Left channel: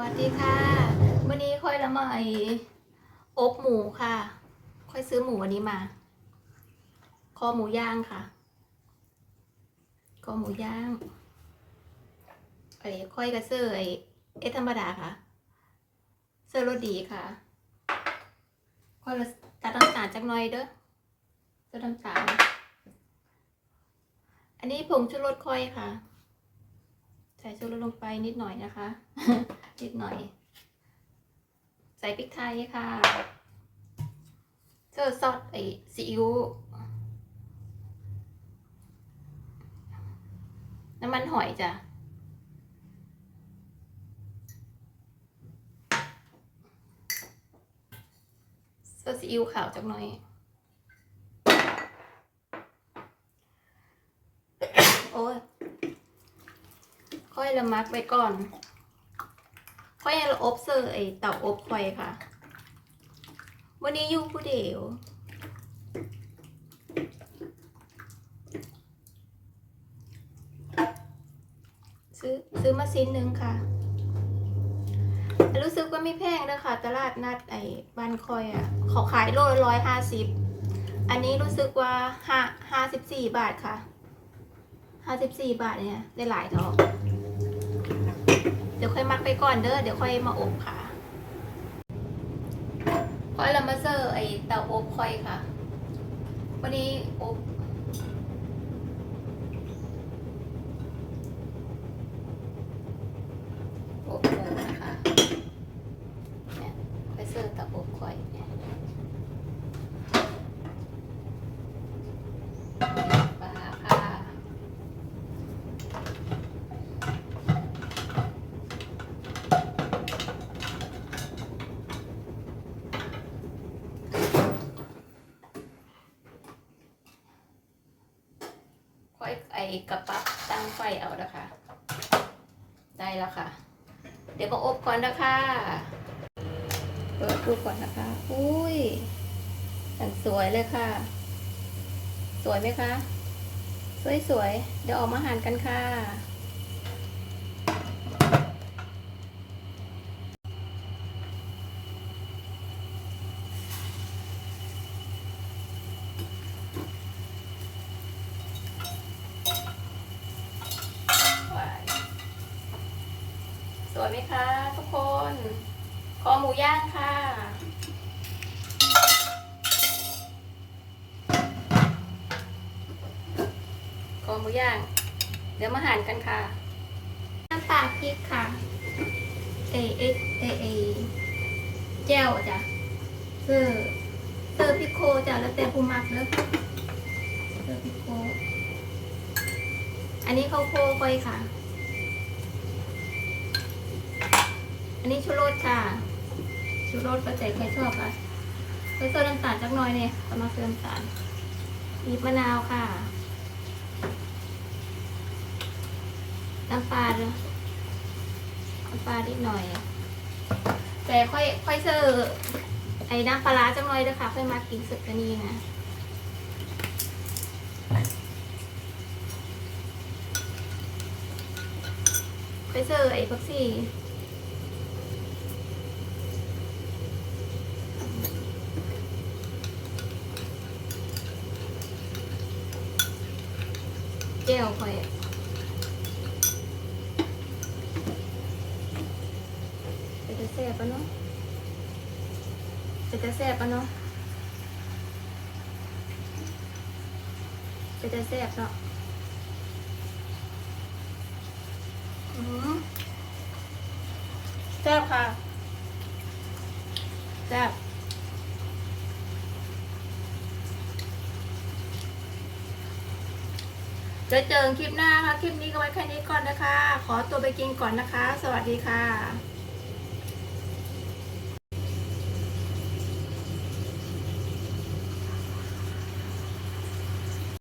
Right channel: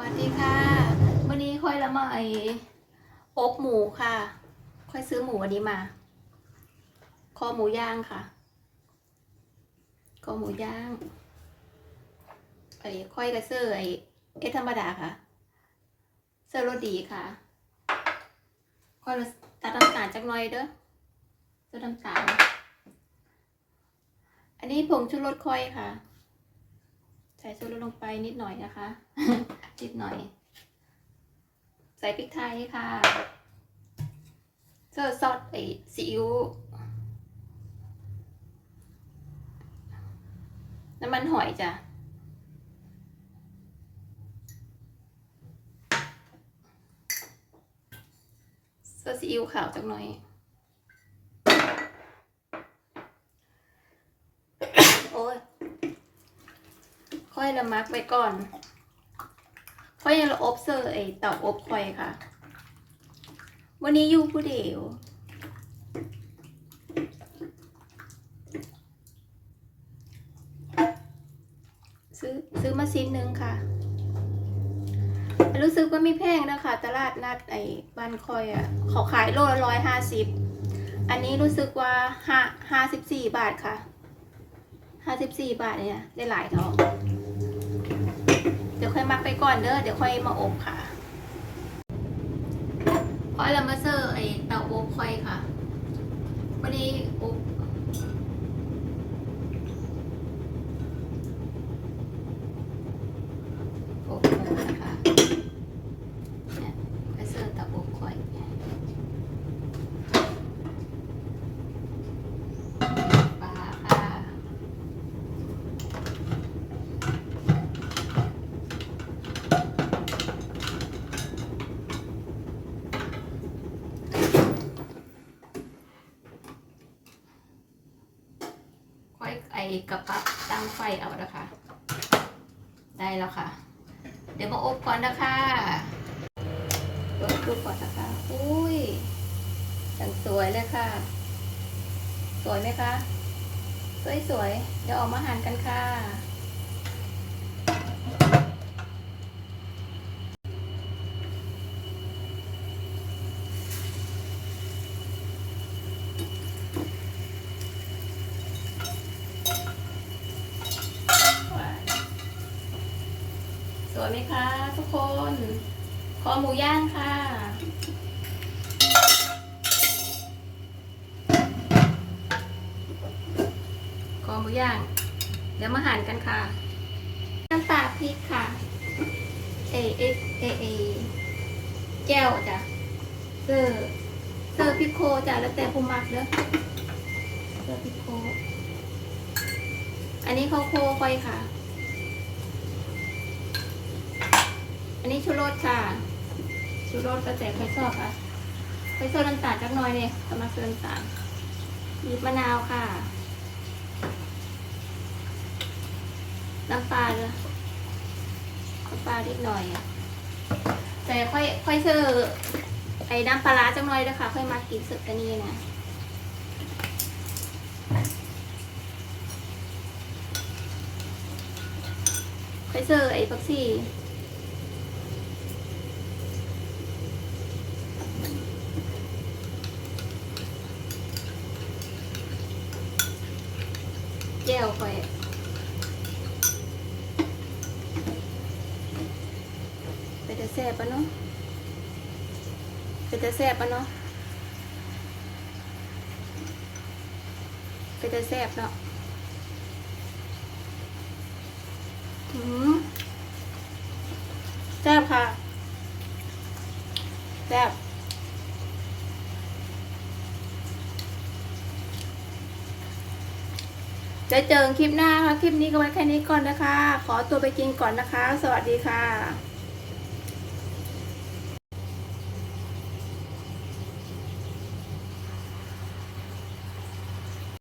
วัสดีค่ะวันนี้ค่อยละมาไออบหมูค่ะ ค่อยซื้อหมูวันนี้มา คอหมูย่างค่ะ คอหมูย่างไอค่อยกระเซอร์ไอ้เอธรรมดาค่ะ เซอร์รสดีค่ะ ค่อยละตัดน้ำตาลจักหน่อยเด้อเซอร์น้ำตาลอันนี้ผงชูรสค่อยค่ะ ใส่ชูรลงไปนิดหน่อยนะคะ นิดหน่อย ใส่พริกไทยค่ะเจอซอสไอซีอิ๊วน้ำมันหอยจ้ะซอสซีอิ๊วขาวจักหน่อยโอ้ย อยละมักไว้ก่อนค่อยยังละอบเซอร์ไอเต่าอบค่อยค่ะ วันนี้อยู่ผู้เดียวซื้อซื้อมาซินหนึ่งค่ะ รู้สึกว่าไม่แพงนะคะตลาดนัดไอ้บ้านคอยอะขอขายโลละร้อยห้าสิบอันนี้รู้สึกว่าห้าห้าสิบสี่บาทค่ะห้าสิบสี่บาทเนี่ยได้หลายเท่า ค่อยมักไปก่อนเด้อเดี๋ยวค่อยมาอบค่ะค่อยเรามาเซอร์ไอเตาอบค่อยค่ะวันนี้อบอบหมูนะคะเนี่ยไปเซอร์เตาอบค่อยเนี่ยปลาค่ะ ค่อยไอ กระปับตั้งไฟเอานะคะ ได้แล้วค่ะ เดี๋ยวมาอบก่อนนะคะเปิดดูก่อนนะคะอุ้ยสั่งสวยเลยค่ะ สวยไหมคะสวยสวยๆ เดี๋ยวออกมาหั่นกันค่ะ สวยไหมคะทุกคน คอหมูย่างค่ะ คอหมูย่าง เดี๋ยวมาหั่นกันค่ะ น้ำตาลพริกค่ะ เอเอเอเอแก้วจ้ะเซอร์เซอร์พิโคจ้ะแล้วแต่ผู้มักเนอะเซอร์พิโค อันนี้ข้าวโพดค่อยค่ะ อันนี้ชูรสค่ะ ชูรสก็แต่ใครชอบค่ะใครชอบน้ำตาลจักหน้อยเนี่ยสมัครเติมน้ำตาลบีบมะนาวค่ะ น้ำปลาเลยน้ำปลานิดหน่อยอะแต่ค่อยค่อยเจอไอ้น้ำปลาร้าจังหน่อยนะคะค่อยมากินสุดกันนี่นะไปเจอไอ้พักซี่ เจลไปเป็นจะแซ่บปะเนาะเป็นจะแซ่บปะเนาะเป็นจะแซ่บเนาะแซ่บค่ะแซ่บ จะเจอคลิปหน้าค่ะ คลิปนี้ก็ไว้แค่นี้ก่อนนะคะ ขอตัวไปกินก่อนนะคะ สวัสดีค่ะ